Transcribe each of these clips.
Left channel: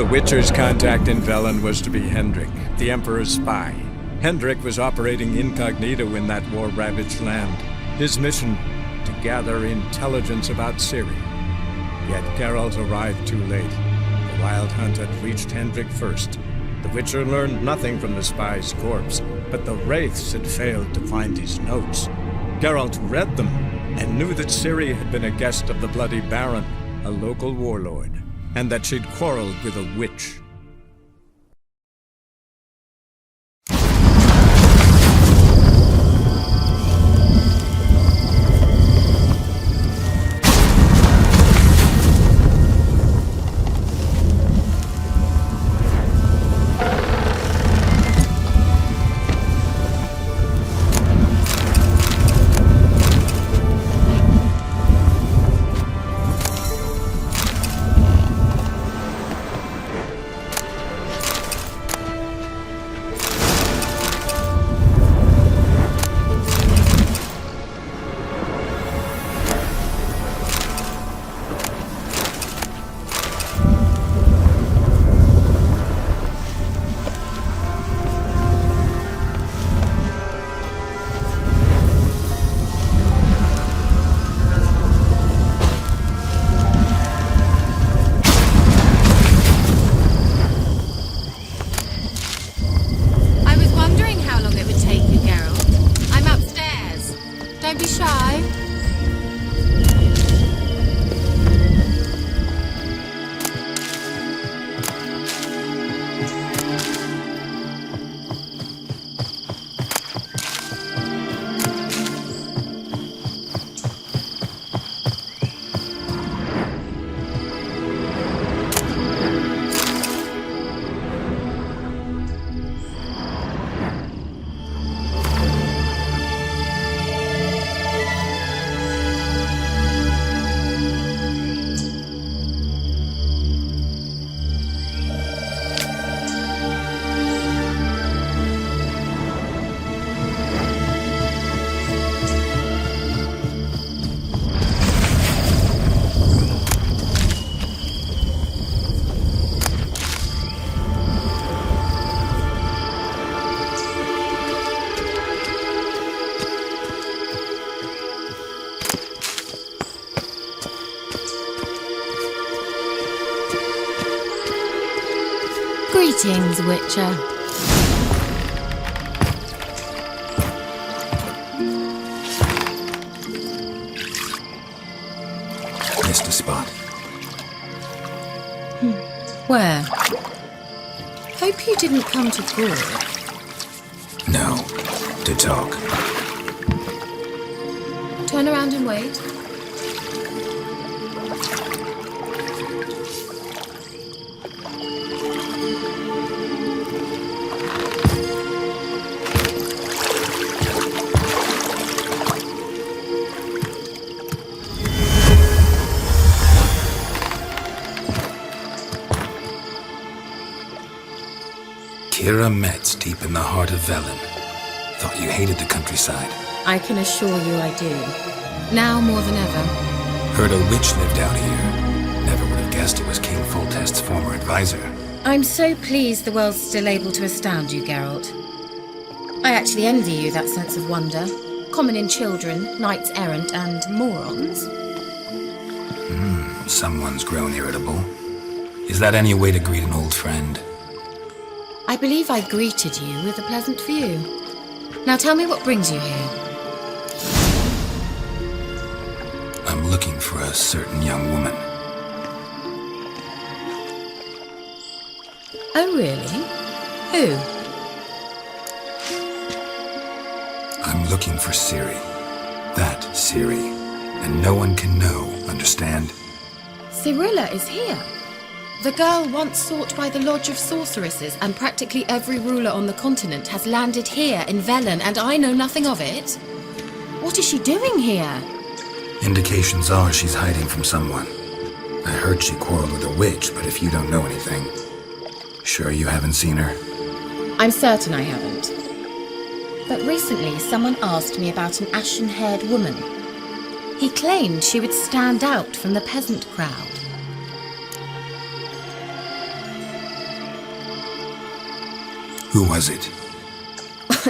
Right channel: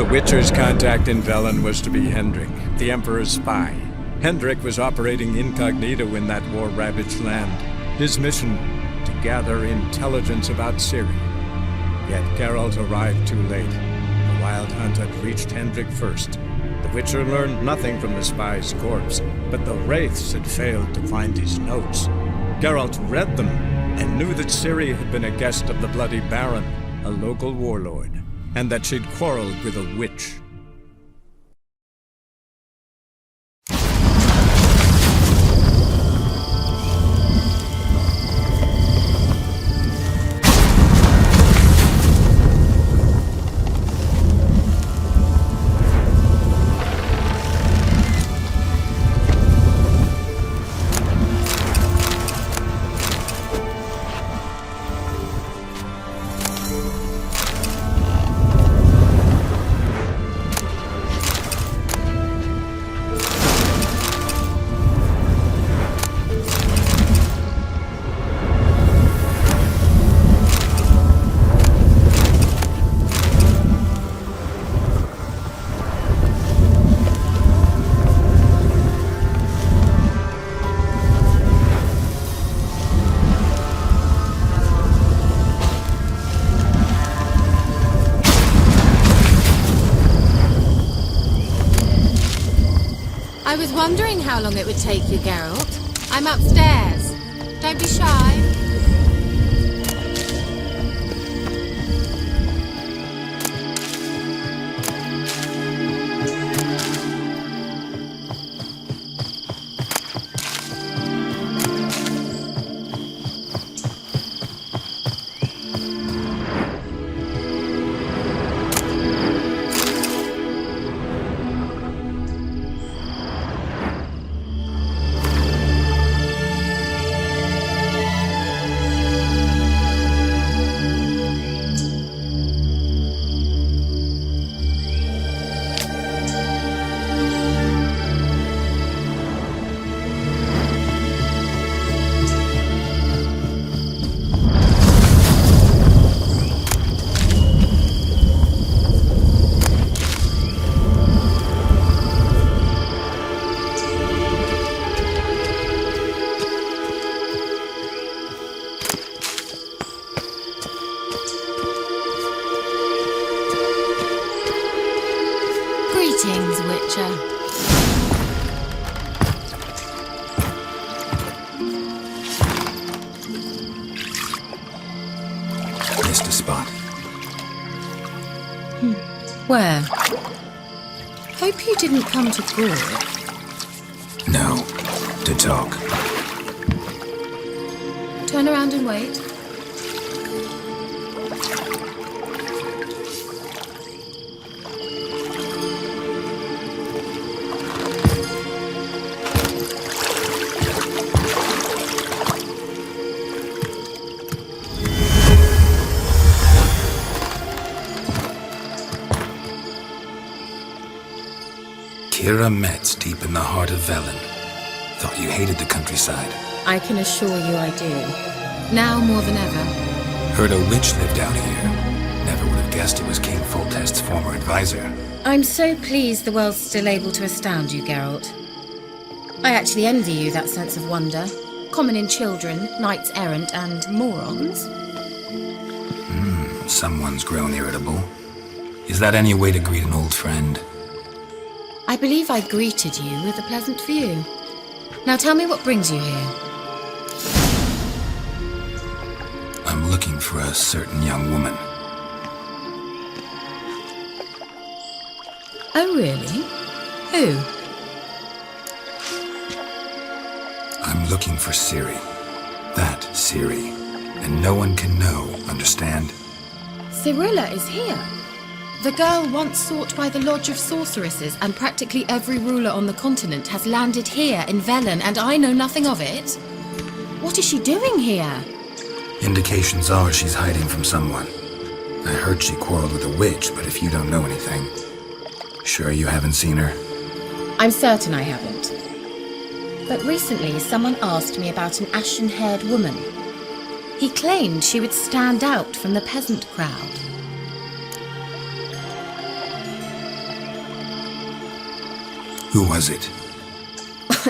The Witcher's contact in Velen was to be Hendrik, the Emperor's spy. Hendrik was operating incognito in that war-ravaged land. His mission, to gather intelligence about Ciri. Yet Geralt arrived too late. The Wild Hunt had reached Hendrik first. The Witcher learned nothing from the spy's corpse, but the Wraiths had failed to find his notes. Geralt read them and knew that Ciri had been a guest of the Bloody Baron, a local warlord, and that she'd quarreled with a witch. Don't be shy. Greetings, Witcher. Missed a spot. Where? Hope you didn't come to Gore. No, to talk. Turn around and wait. Kira Metz, deep in the heart of Velen. Thought you hated the countryside. I can assure you I do. Now more than ever. Heard a witch lived out here. Never would have guessed it was King Foltest's former advisor. I'm so pleased the world's still able to astound you, Geralt. I actually envy you that sense of wonder. Common in children, knights errant, and morons. Someone's grown irritable. Is that any way to greet an old friend? I believe I greeted you with a pleasant view. Now tell me what brings you here. I'm looking for a certain young woman. Oh, really? Who? I'm looking for Ciri. That Ciri. And no one can know, understand? Cirilla is here. The girl once sought by the Lodge of Sorceresses, and practically every ruler on the continent has landed here in Velen, and I know nothing of it. What is she doing here? Indications are she's hiding from someone. I heard she quarreled with a witch, but if you don't know anything, sure you haven't seen her? I'm certain I haven't. But recently someone asked me about an ashen-haired woman. He claimed she would stand out from the peasant crowd. Who was it?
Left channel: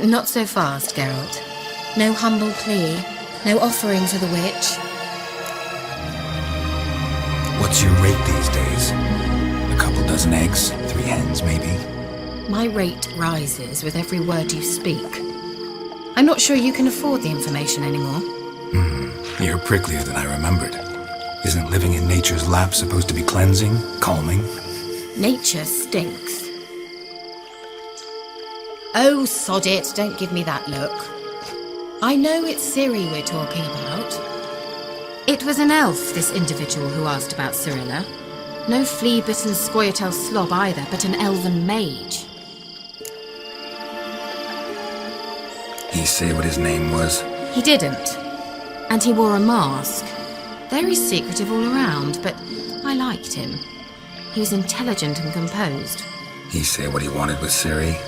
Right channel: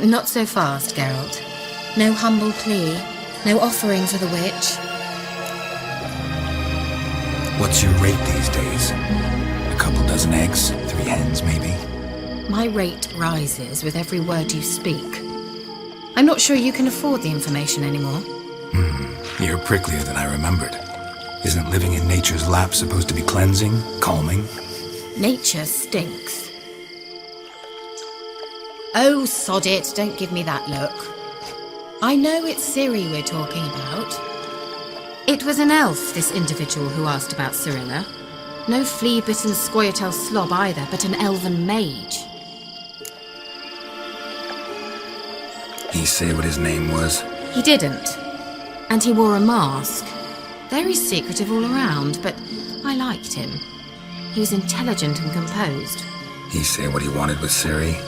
Not so fast, Geralt. No humble plea, no offering for the witch. What's your rate these days? A couple dozen eggs? 3 hens, maybe? My rate rises with every word you speak. I'm not sure you can afford the information anymore. You're pricklier than I remembered. Isn't living in nature's lap supposed to be cleansing, calming? Nature stinks. Oh, sod it, don't give me that look. I know it's Ciri we're talking about. It was an elf, this individual who asked about Cirilla. No flea-bitten scoia'tail slob either, but an elven mage. He say what his name was? He didn't. And he wore a mask. Very secretive all around, but I liked him. He was intelligent and composed. He say what he wanted with Ciri?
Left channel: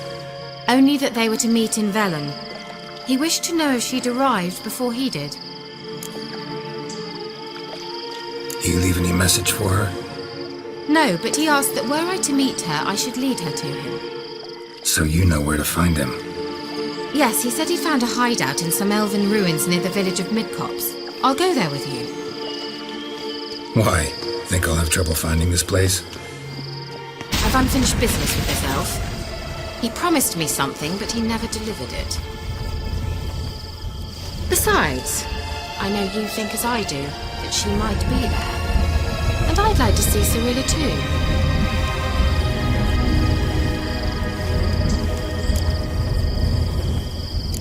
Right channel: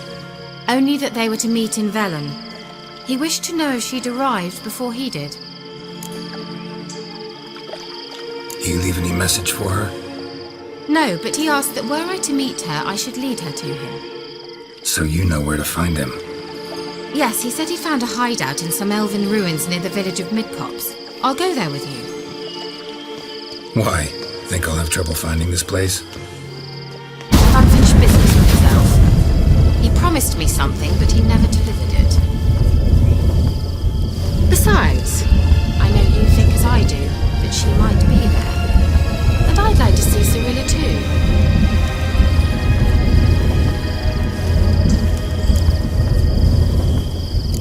Only that they were to meet in Velen. He wished to know if she'd arrived before he did. You leave any message for her? No, but he asked that were I to meet her, I should lead her to him. So you know where to find him? Yes, he said he'd found a hideout in some elven ruins near the village of Midcopse. I'll go there with you. Why? Think I'll have trouble finding this place? I've unfinished business with this elf. He promised me something, but he never delivered it. Besides, I know you think as I do, that she might be there. And I'd like to see Cirilla too.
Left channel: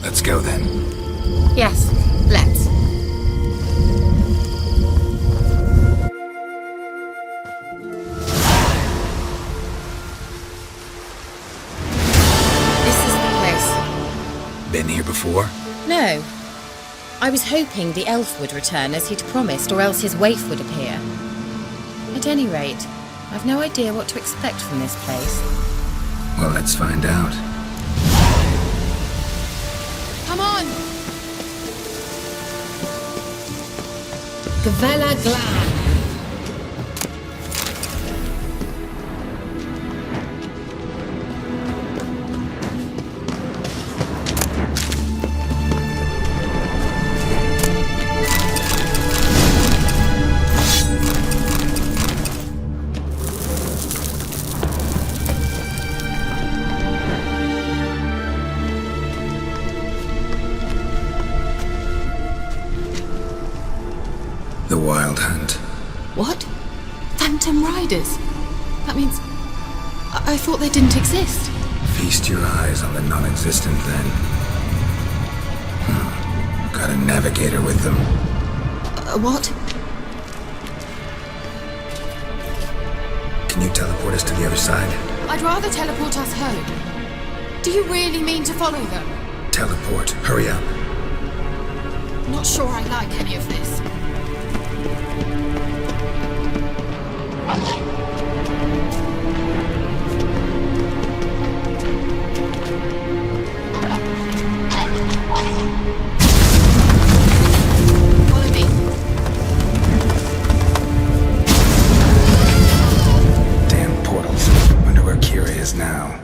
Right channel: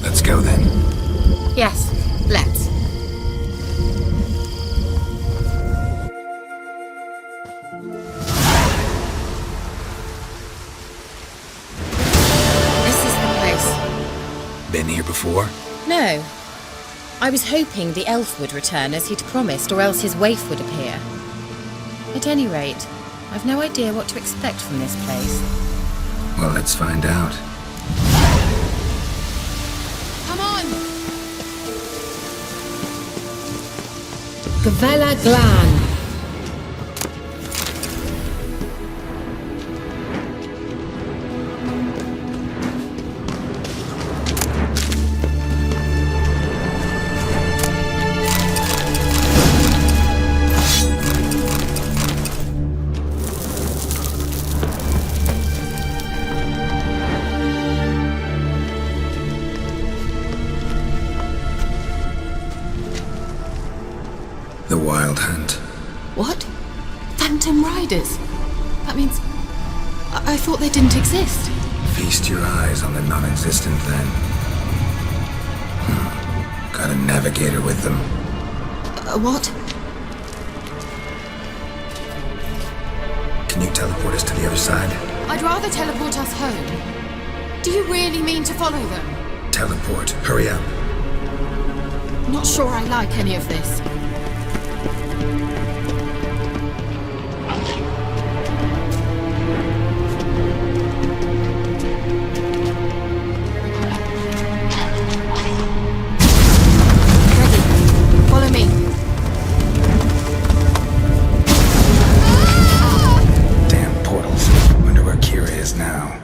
Let's go then. Yes, let's. This is the place. Been here before? No. I was hoping the elf would return as he'd promised, or else his waif would appear. At any rate, I've no idea what to expect from this place. Well, let's find out. Come on! Gavella Glan. The Wild Hunt. What? Phantom Riders? That means... I thought they didn't exist. Feast your eyes on the non-existent then. Got a navigator with them. What? Can you teleport us to the other side? I'd rather teleport us home. Do you really mean to follow them? Teleport. Hurry up. Not sure I like any of this. Follow me. Damn portals. Wonder where Kira is now.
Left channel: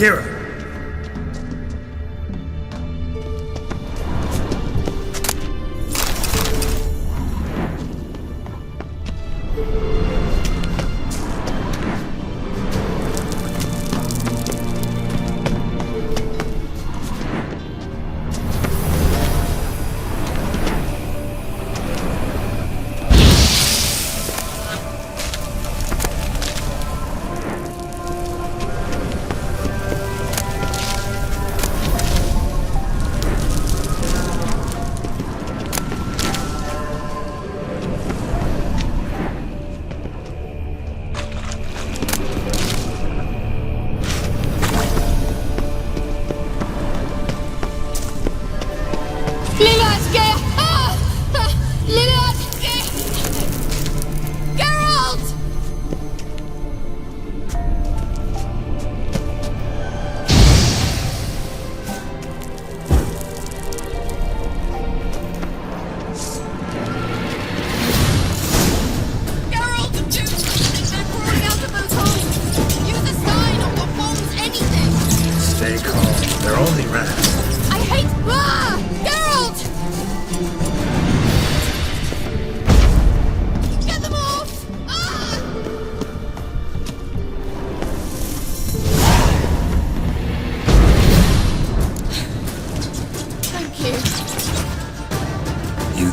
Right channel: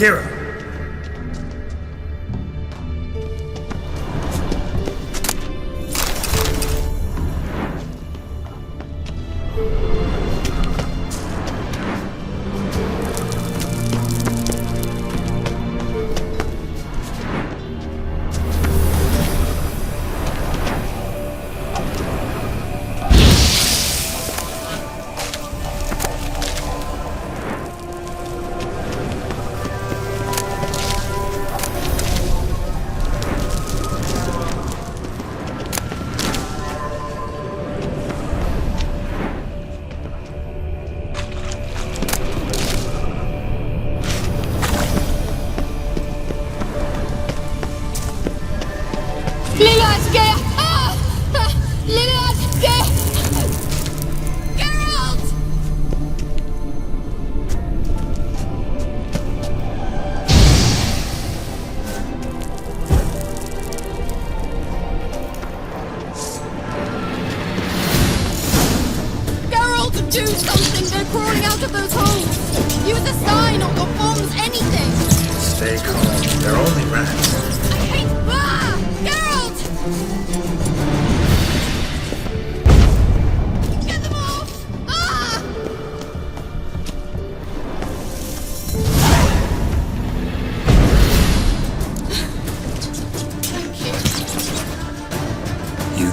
Kira! Do something, they're crawling out of those holes! Use a sign or bombs, anything! Stay calm. They're only rats. I hate... Geralt! Get them off!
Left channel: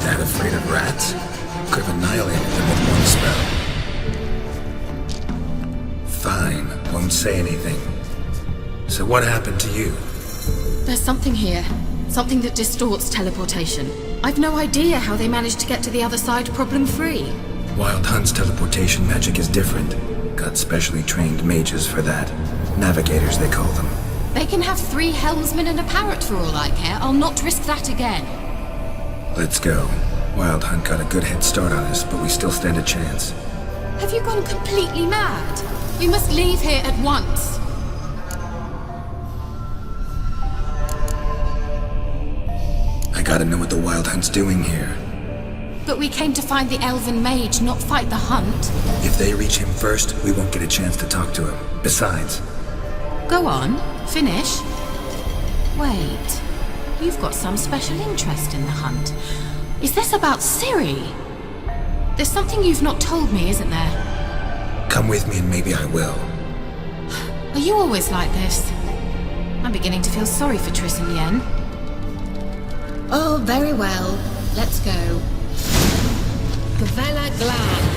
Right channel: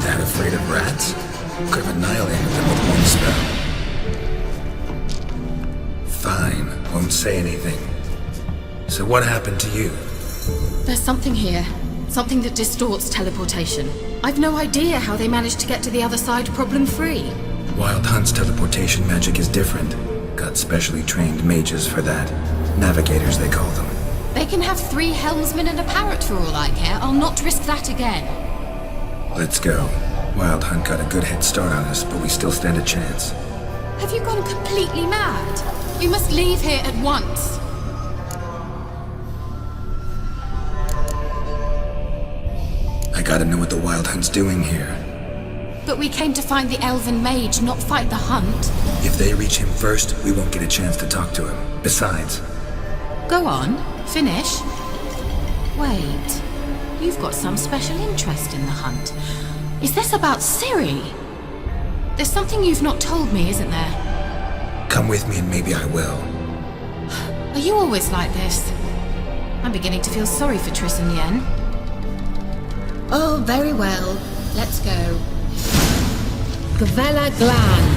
that afraid of rats? Could have annihilated them with one spell. Fine, won't say anything. So what happened to you? There's something here. Something that distorts teleportation. I've no idea how they managed to get to the other side problem-free. Wild Hunt's teleportation magic is different. Got specially trained mages for that. Navigators, they call them. They can have 3 helmsmen and a parrot for all I care. I'll not risk that again. Let's go. Wild Hunt got a good head start on us, but we still stand a chance. Have you gone completely mad? We must leave here at once. I gotta know what the Wild Hunt's doing here. But we came to find the elven mage, not fight the hunt. If they reach him first, we won't get a chance to talk to him. Besides... Go on, finish. Wait, you've got some special interest in the hunt. Is this about Ciri? There's something you've not told me, isn't there? Come with me and maybe I will. Are you always like this? I'm beginning to feel sorry for Triss and Yen. Oh, very well. Let's go. Gavella Glan.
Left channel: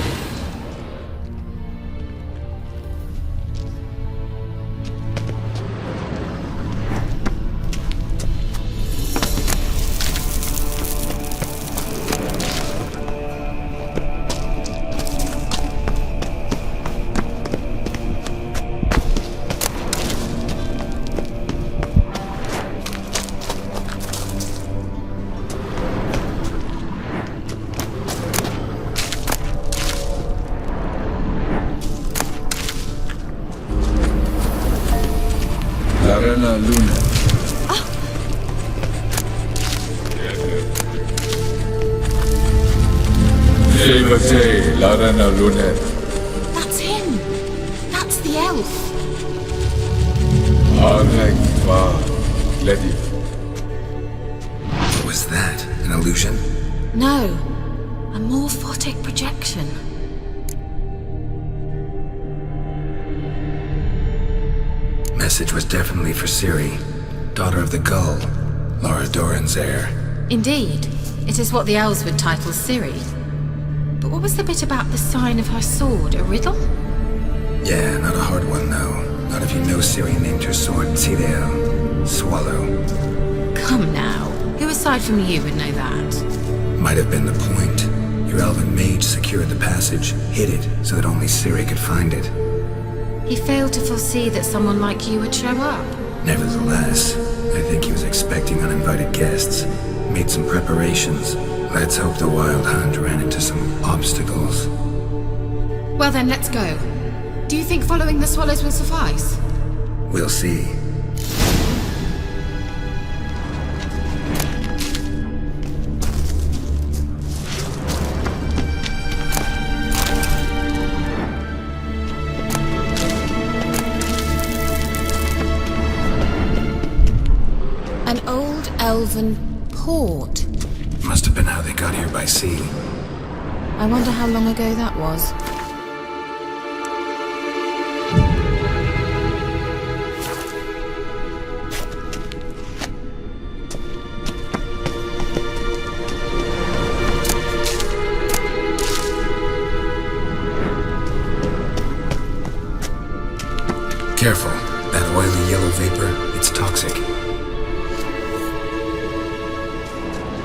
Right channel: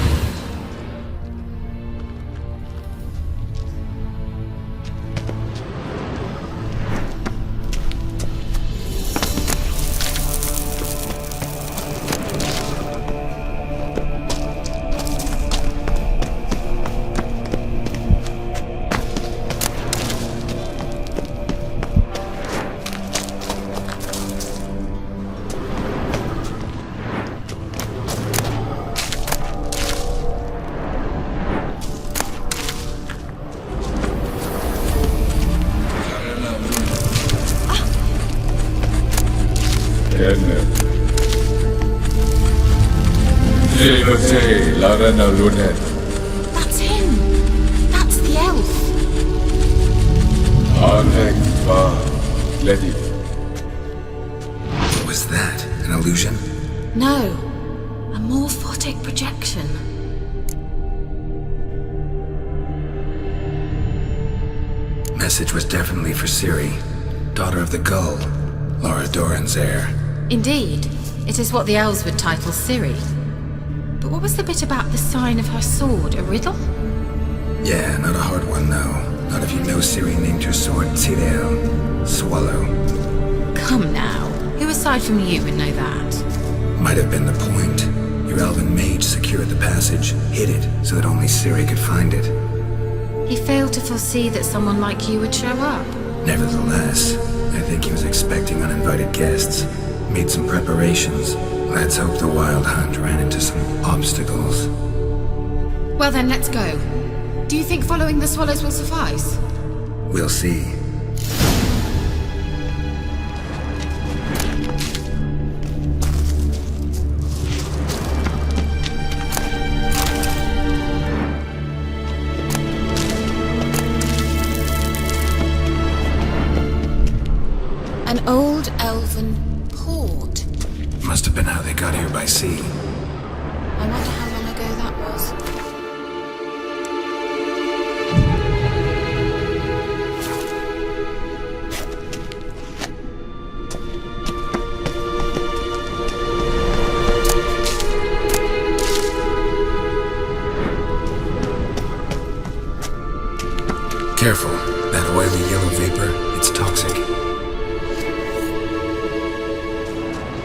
That's him. That's the elf. What was that? An illusion? No, a morphotic projection. Message was definitely for Ciri, daughter of the Gull, Laura Doran's heir. Indeed, it is what the elves would title Ciri. But what was the bit about the sign of her sword? A riddle? Yeah, not a hard one though. Not if you know Ciri named her sword Tirel, Swallow. Come now, who aside from you would know that? Might have been the point. Your elven mage secured the passage, hid it, so that only Ciri could find it. He failed to foresee that someone like you would show up. Nevertheless, I think he was expecting uninvited guests. Made some preparations. Let's hope the Wild Hunt ran into some obstacles. Well then, let's go. Do you think following the swallows will suffice? We'll see. An old elven port. Must have been how they got here by sea. I wonder how long ago that was. Careful. That oily yellow vapor, it's toxic.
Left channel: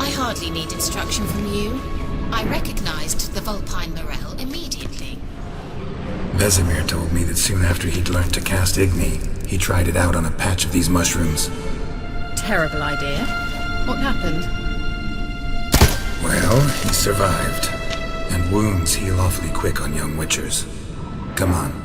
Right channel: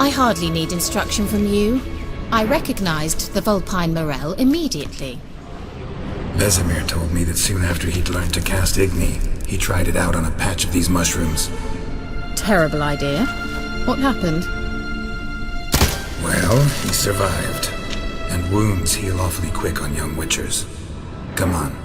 I hardly need instruction from you. I recognized the vulpine morel immediately. Vesemir told me that soon after he'd learned to cast Igni, he tried it out on a patch of these mushrooms. Terrible idea. What happened? Well, he survived. And wounds heal awfully quick on young witchers. Come on.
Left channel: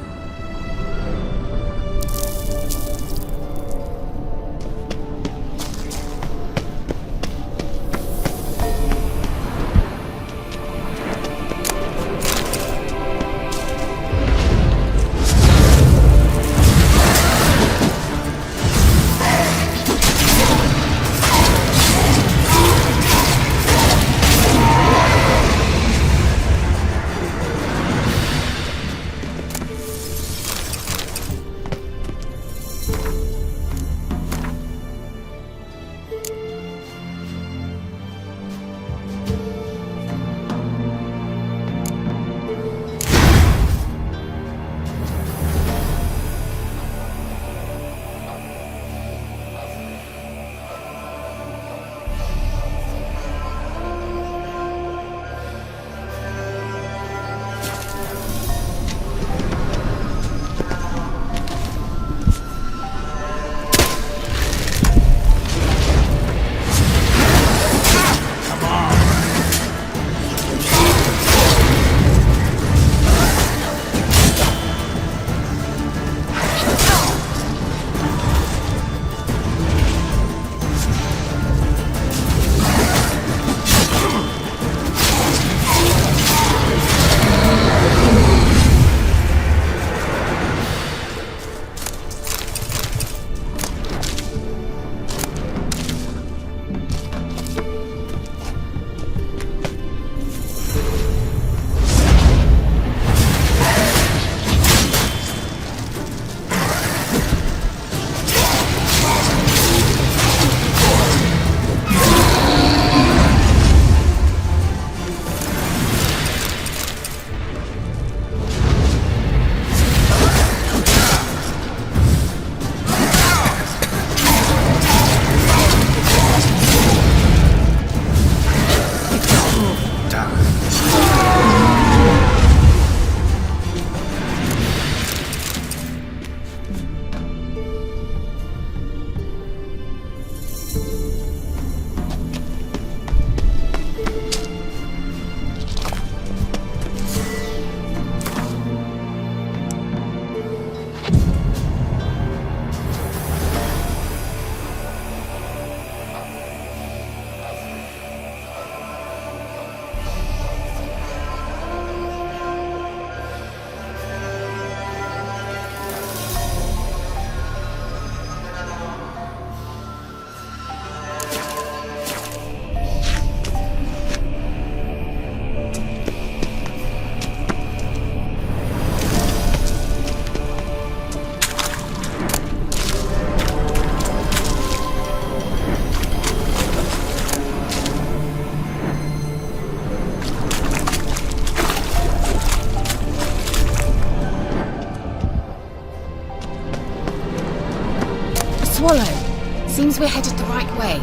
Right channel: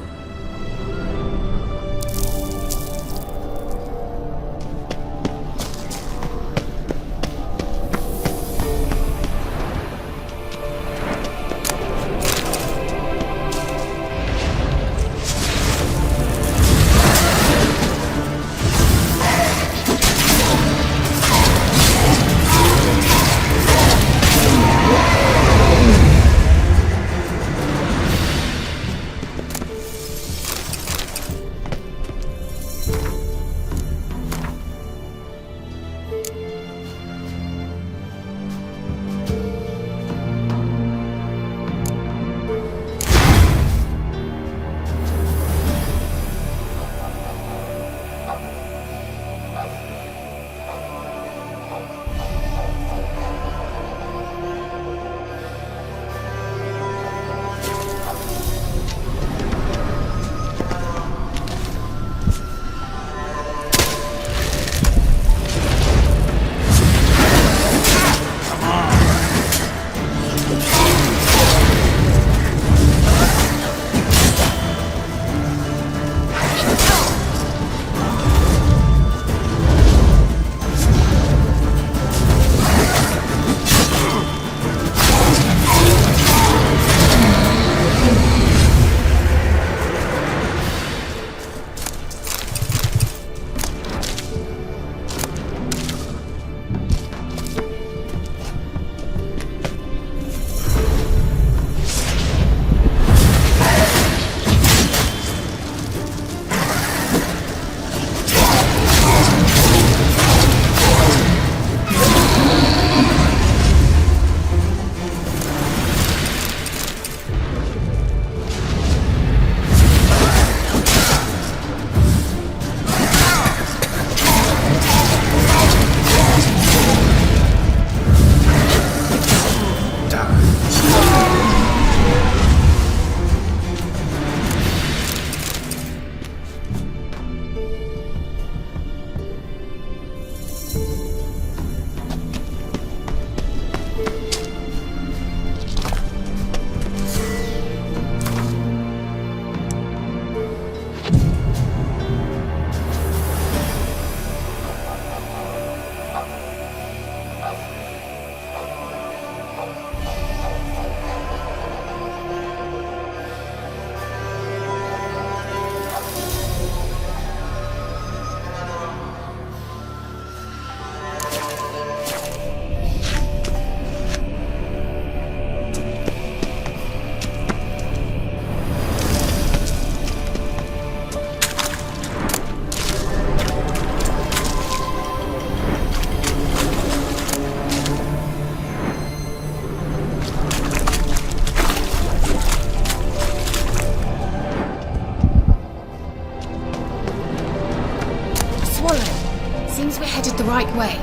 we're headed the right way.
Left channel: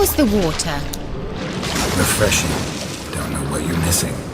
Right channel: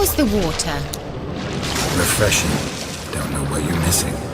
How is the water? Refreshing. Don't know what you're missing.